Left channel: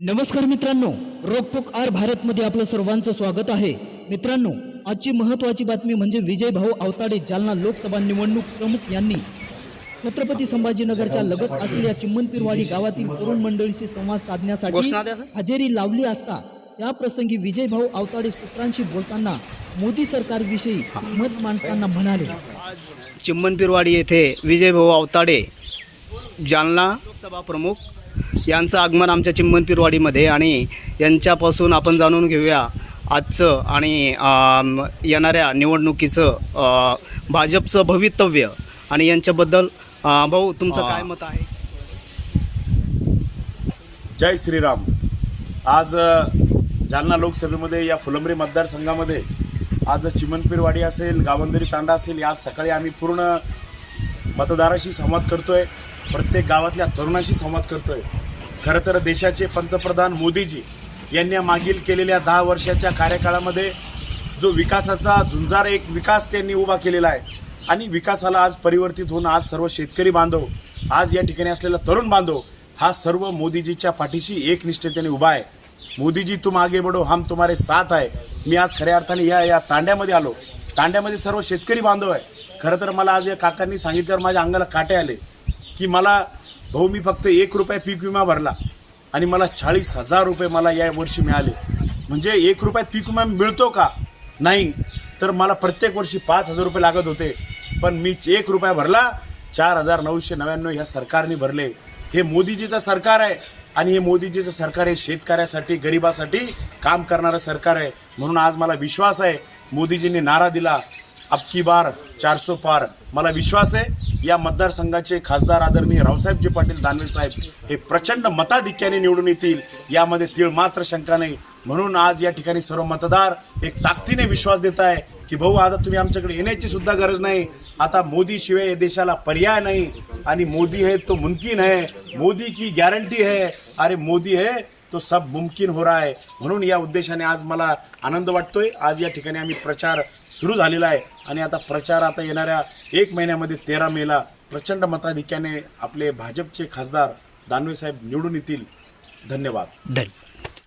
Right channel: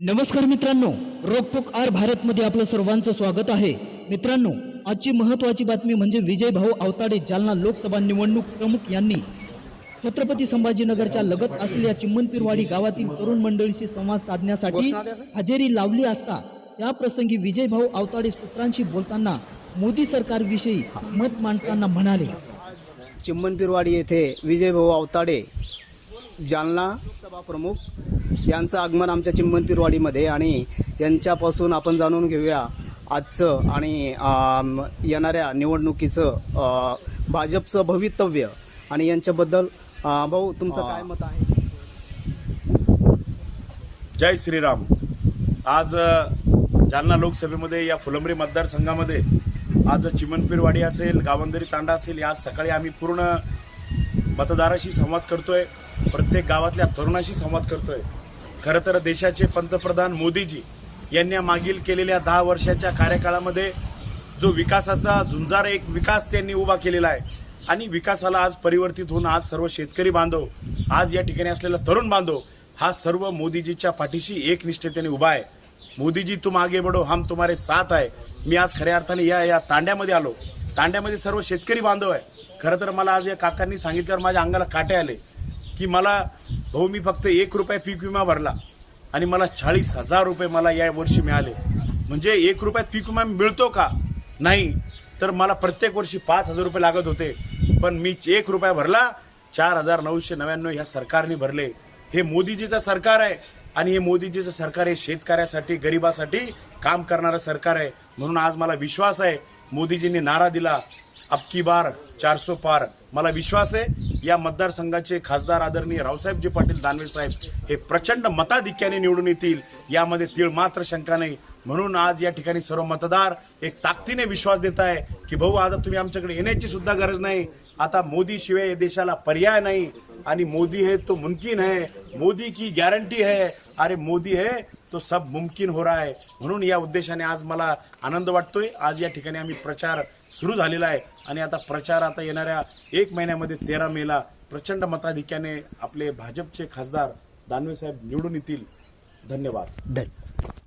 नमस्कार मित्रांनो रोकटोक आर भारतमध्ये आपलं सर्वांचं स्वागत आहे. मित्रांनो आजची महत्त्वाची बातमी म्हणजे विजय भाऊ आवताडे जालना लोकसभा निवडणूक प्रमुख यांनी छत्रपती संभाजीनगरच्या लगत असलेल्या चिम्मनपीरवाडी गावातील तरुण मंडळीशी संवाद साधण्यासाठी हजेरी लावली असता त्या प्रसंगी विजय भाऊ आवताडे सूत्रांशी बोलताना मोदी सरकारविषयी मत मांडताना म्हणाले. चिम्मनपीरवाडी येथे विजयभाऊ अवताडे जालना लोकसभा प्रमुख यांचं आगमन आमच्या चिंबनपीरवाडीमध्ये आणि यांच्यापासून आपण जाणून घेऊया आजचं आणि येणाऱ्या निवडणुकीचं भाजपचं भवितव्य आणि यांच्याबद्दल भाऊ तुमचं काय मत आहे? जय श्रीराम. आज जालना लोकसभेमध्ये या फुलंबरी मतदारसंघामध्ये आज चिमनपीरवाडी असेल गावंदरी तांडा असेल आज सकाळी आम्ही पूर्ण मतदाराशी संवाद करतोय. प्रत्येक गावातल्या तरुणाशी संवाद करतोय. खरं तर देशाचे पंतप्रधान मोदीजी यांनी मागील केलेल्या दहा वर्षाच्या कार्यकाळामध्ये जो विकासाचा झुंजार एक विकास त्यांनी उभा केलेला आहे आणि विकासाला आज परिवर्तित होऊन आज सर्व शेतकरी बांधव आज या ठिकाणी असलेला तरुण बांधव हा सर्व मोदीजीच्या पाठीशी एक निष्ठतेने उभा आहे. मोदीजी तुम आगे बढो हम तुम्हारे साथ आहे. मी आज खऱ्या अर्थाने या या तांड्यामध्ये आलो. तांड्यामध्ये सर्व शेतकरी बांधव आहे खरं तर मला आज या काकांनी सांगितल्यावर माझ्या अंगाला काटे आले. की मला भाऊ मी फक्त एक रुपये पीक विमा भरला आणि मला चाळीस हजार रुपये मला या वर्षी मिळाले. म्हणजे एक रुपयात पीक विमा मिळतो का? नाही. तर मला प्रत्येक वर्षी पाच हजार रुपये लागत होते. पण मी एक रुपया भरला चार हजार नऊशे नव्याण्णव ह्या सरकारने भरले. हे मोदीजीचं सरकार आहे आणि हे मोदीजीचं सरकार हे शेतकऱ्यासाठी गरिबासाठी काम करणारं सरकार आहे. म्हणून आज मला विश्वास आहे मोदीजींनी नारा दिला. अबकी बार चारसो पार। मला विश्वास आहे या मतदारसंघाचे खासदार आदरणीय रावसाहेबजी पाटील दानवे साहेब हे प्रचंड मताधिक्याने निवडून येतील यामध्ये तीळ मात्र शंका नाही. म्हणून आज या ठिकाणी सर्व मतदार एक ताकदीने विश्वास देत आहे की भाऊ आता तुम्ही आमच्याकडे येण्याची सुद्धा गरज नाही. आता मोदी शिवाय या देशाला पर्याय नाही. आणि मोदी है तो मुमकिन है मोदी की गॅरंटी है अरे मोदी है तो सब मुमकिन हो रहा है. म्हणून या उद्देशाने आज मला आनंद वाटतोय. आज या ठिकाणी आम्ही प्रचार सुरू झालेला आहे. आणि आता प्रचार आता येणाऱ्या एक महिन्यामध्ये तेरा मेला प्रचंड मताधिक्याने आपले भाजपचे खासदार दानवे साहेब निवडून येतील. धन्यवाद. धन्यवाद.